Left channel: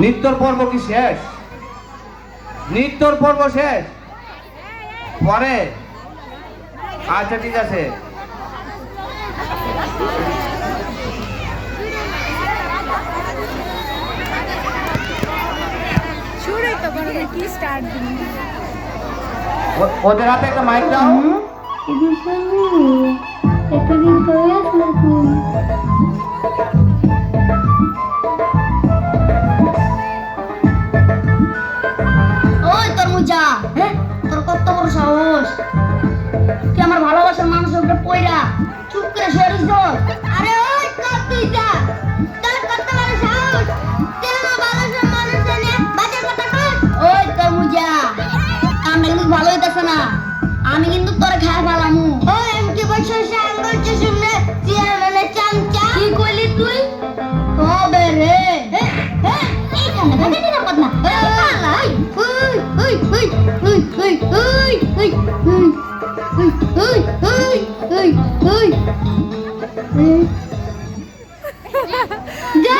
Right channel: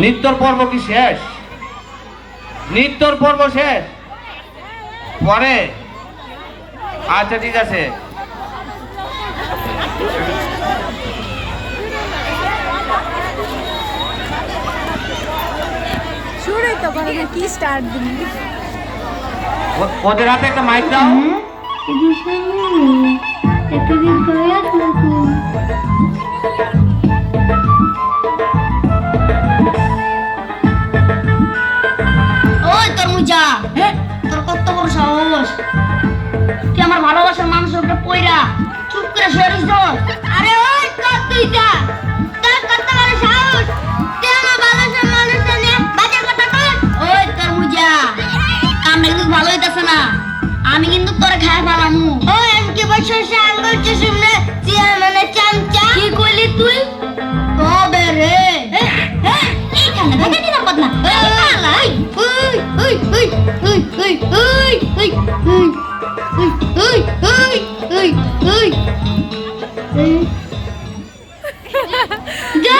নৃত্যর পর্ব কি শেষ? নৃত্যর পর্ব শেষ পরে? আচ্ছা ঠিক আছে। ওদের হাতে একটা মাইক দাও। এতদিন পরে আসলো তুই। ওই তরমুজা, তোর কত বড় সাহস! তুই আমার ভালোবাসার মানুষের উপরে পয়রা চুপ করে সরিস তো। আরে ওই তোর তুইটা, তোর কত বড় সাহস! তুই আমার ভালোবাসার মানুষের নিয়ে বাজে কথা কস। ওই তরমুজা, কামটা কিন্তু ভালো হইতাছে না। আমি কিন্তু তোর খায় ফেলামু। ওই আমি কি বলছিস? সে আঙ্গুল চুষুমনে চিয়ার মানে চামচা। কি কইলি তুই? হবে রে। এই কানে দেখে নিরাপদ না। যা